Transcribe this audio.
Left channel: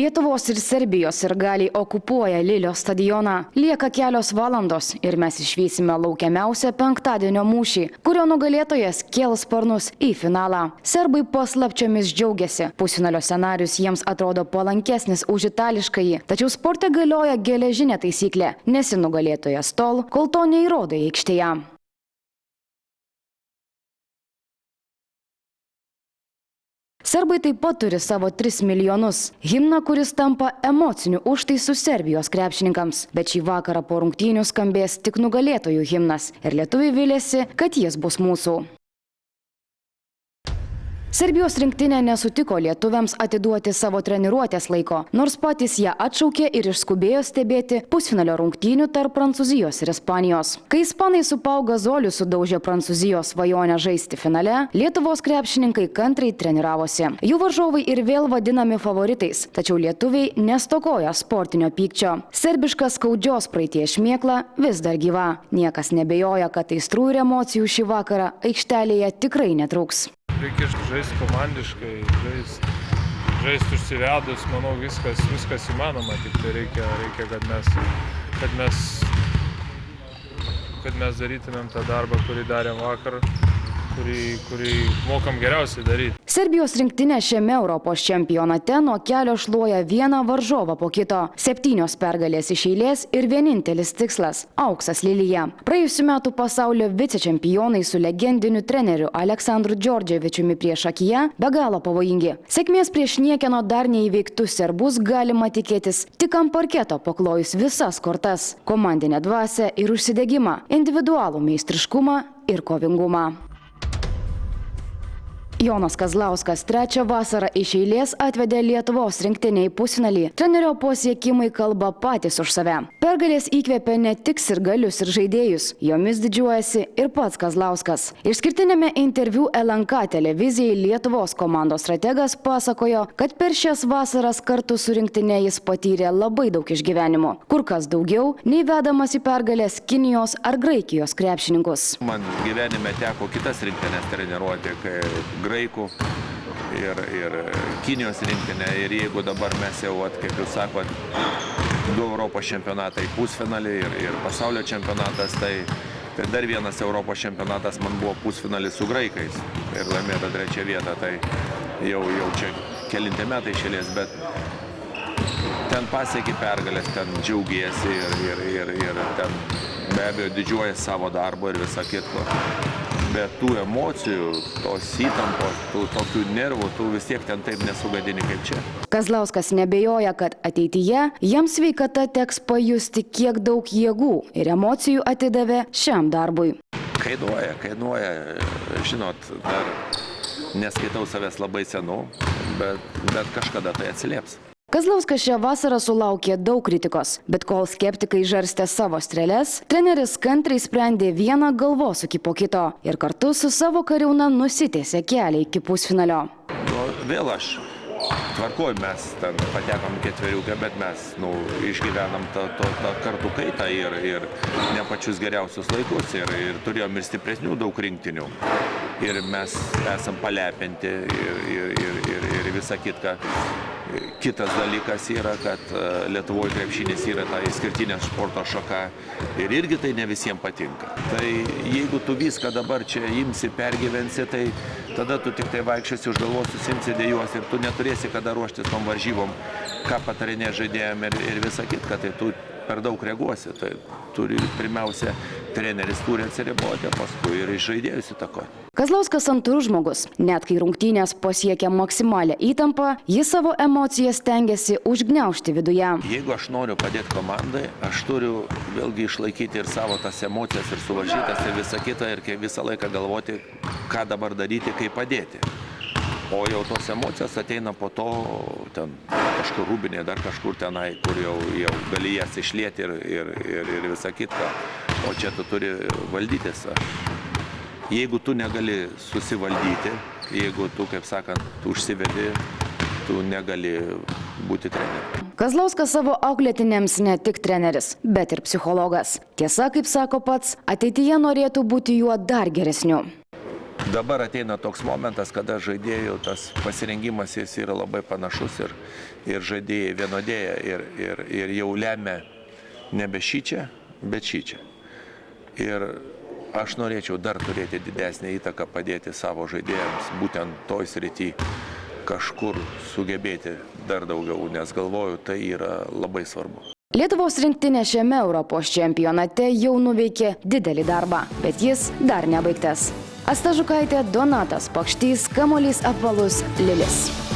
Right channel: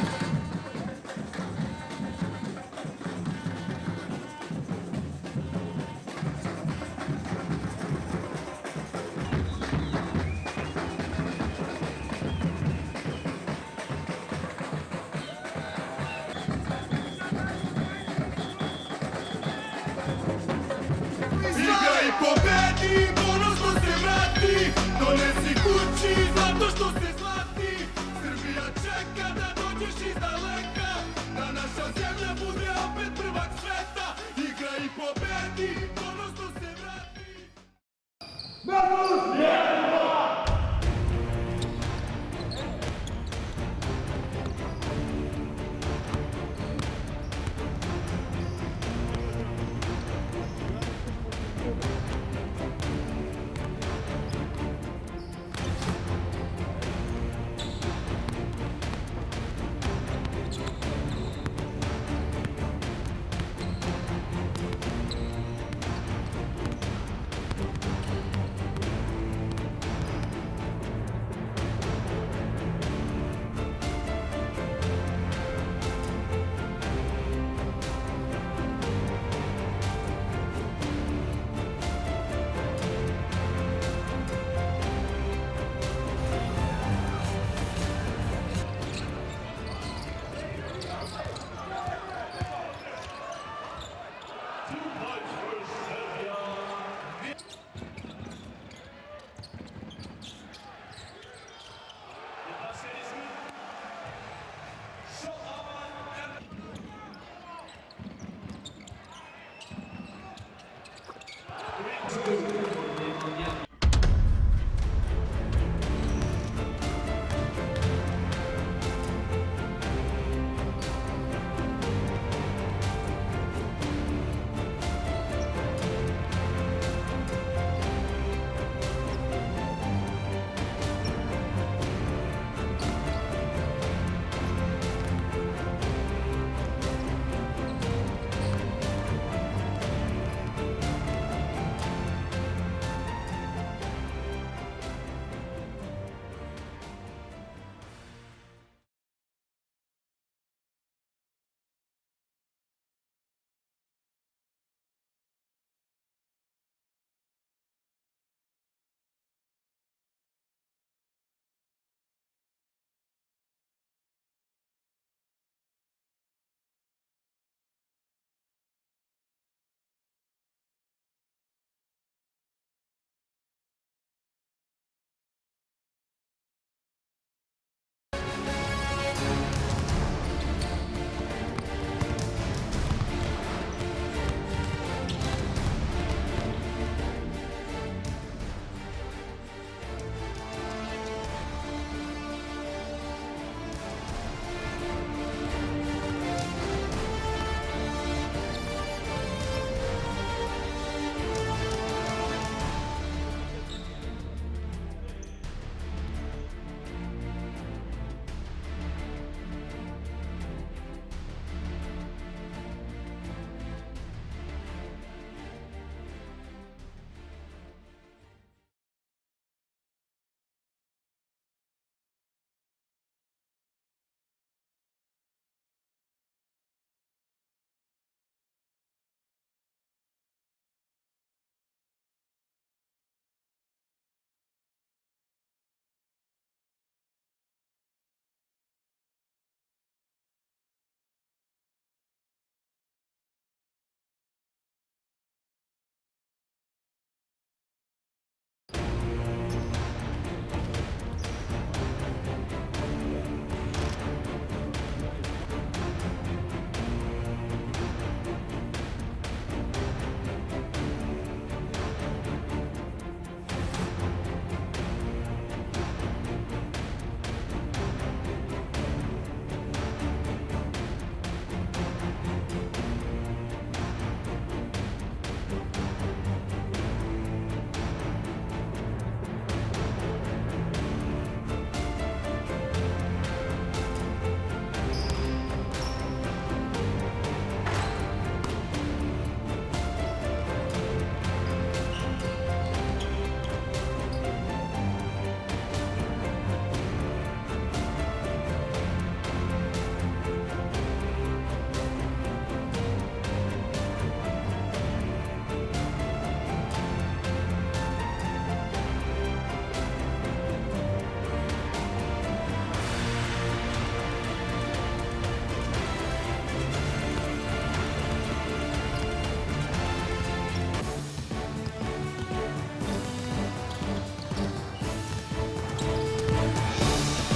Lietuvos ir Serbijos sirgaliai okupuoja Lilio stadioną. Lieka kelios valandos ir mes išvysime laukiamiausią penktadienio mūšį, kurio nugalėtojas kėls sparnus į finalą. Serbai paslapčiomis džiaugiasi. Pusfinalio scenarius jiems atrodo palankesnis už itališkąjį. Tačiau sporte galioja geležinė taisyklė. Nesi nugalėtojas tol, kol to neįrodai aikštėje. Serbai taip pat turi savo 3 milijonus. Himną, kuris tampa emociniu užtaisu Serbijos krepšininkams. Bet šį vakarą po rungtynių skambės tik nugalėtojų himnas. Ir lietuviai viliasi, kad jis bus mūsų. Serbijos rinktinė nesutiko lietuviams atiduoti savo treniruotės laiko, nors patys ją atšaukė ir išskubėjo stebėti pusfinalio rungtynių tarp Prancūzijos ir Ispanijos. Kai ispanai su Pau Gasoliu sudaužė Prancūzijos svajonę žaisti finale, Lietuvos krepšininkai kantriai treniravosi. Jų varžovai ir vėl vadinami favoritais, tačiau lietuviai nestokojo sportinio pykčio. Serbiška skaudžios praeities šmėkla vis dar gyva. Niekas nebejoja, kad aistrų ir emocijų šį vakarą aikštelėje tikrai netrūks. Reikia žaisti komandiškai, žaisti užsivedus, manau, viskas įmanoma. Tai reikia, kad mes darytumėm tą darbą, kurį darėm vakar, kurį mokam geriausiai daryti. Serbijos rinktinė šiame Europos čempionate nuo kelio šluoja vieną varžovą po kito. 7 pergalės iš eilės ir vienintelis tikslas – auksas Lilyje. Praėjusių metų pasaulio vicečempionai su legendiniu treneriu Aleksandru Džordževičiumi priešakyje be galo pavojingi. Sėkmės prieš niekieno dar neįveiktus serbus galima tikėtis tik ant parketo paklojus visas kortas – komandinę dvasią ir užsidegimą, individualų meistriškumą ir kovingumą. Jonas Kazlauskas 3 vasarą iš eilės atvedė Lietuvos rinktinę į pusfinalį. Trenerio pasiekimai kalba patys už save. Pergalės įkvėpė ne tik sirgalius ir žaidėjus, jomis didžiuojasi ir pats Kazlauskas. Išskirtinėme interviu LNK televizijai Lietuvos komandos strategas pasakojo, kad per šias vasaras kartu su rinktine jis patyrė labai daug išgyvenimų. Kur kas daugiau, nei vedamas į pergalės Kinijos ar Graikijos krepšininkus. Man gyvenime teko kitas rinktinės treniruoti, Graikų ir Kinijos rinktinė. Ir jeigu dabar mes jau, kaip jūs sakot, 2 Europos čempionatai pusfinalį ir pasaulio čempionatas, tai dar vienas Europos čempionatas man buvo pusfinalis su graikais ir laimėta 3 vieta. Tai jau čia kelinti metai išėlės, bet ten pasieki pergalės, ten džiaugiesi ir ten be abejo didžiuoja savo darbo ir visą kitko. Bet tų emocijų, tos įtampos, tų tokių nervų, tų vis tiek ten taip nesugadini kaip čia. Kazlauskas nebejoja, kad ateityje jam sveikata teks pajusti, kiek daug jėgų ir emocijų atidavė šiam darbui. Kainuoja. Žinot, dar neskaitau savęs labai senu, bet kažkada tai atsilieps. Kazlauskas šią vasarą sulaukė daug kritikos, bet kol skeptikai žarstė savo strėles, treneris kantriai sprendė vieną galvosūkį po kito ir kartu su savo kariauna nusitiesė kelią iki pusfinalio. Vėl aš tvarkoj, mes ten patekom ketveriukę, bet mes išgyvenam tą kartų kaitą ir ne pačius geriausius laikus ir turėjom ir stipresnių daug rinktinių. Ir mes esam palepinti ir visą kitką. Kitas dalykas yra, kad Lietuvoje krepšinis yra ta išskirtinė sporto šaka ir irgi tai ne visiems patinka. Tai jeigu tu viską dabar čia imsi, pergyvensi, tai tada tu tik tai vaikščiosi už galvos, susimsi dėjuos ir tu neturėsi kada ruoštis tom varžybom, ką patarinė žaidėjam ir visą kitką, tai tu per daug reaguosi. Tai pirmiausia, treneris turi atsiriboti, paskui ir iš žaidėjus įtakoti. Kazlauskas santūrus žmogus. Net kai rungtynės pasiekia maksimalią įtampą, jis savo emocijas stengiasi užgniaužti viduje. Jeigu aš noriu padėti komandai, aš turiu vėlgi išlaikyti ir savo tas emocijas ir suvaržytas ir visą kitą ir visą laiką galvoti, ką dabar daryti, kaip padėti. O jau tos emocijos ateina po to kažkur rūbinė, dar kažkur tenai, kur jau gali jas išlieti ir visą kitką. O čia tu turi valdytis. Jeigu tu negali susivaldyti, jeigu tu, kaip sakant, užsivedi, tu negali būti treneriu. Kazlauskas savo auklėtiniams ne tik treneris, bet ir psichologas. Tiesa, kaip sako pats, ateityje norėtų būti juo dar geresniu. Dabar ateina toks momentas, kada žaidėjų tas pasirengimas jis yra labai panašus ir žaidėjai vienodėja ir jau lemia nebe šičia, bet šičia. Ir aš norėčiau dar turėti didesnį įtaką padėti savo žaidėjams, būtent toj srity kažkur sugebėti dar daugiau, nes galvoju, tai yra labai svarbu. Lietuvos rinktinė šiame Europos čempionate jau nuveikė didelį darbą, bet jis dar nebaigtas. Asta Žukaitė, Donatas Pakštys, kamuolys apvalus Lilis.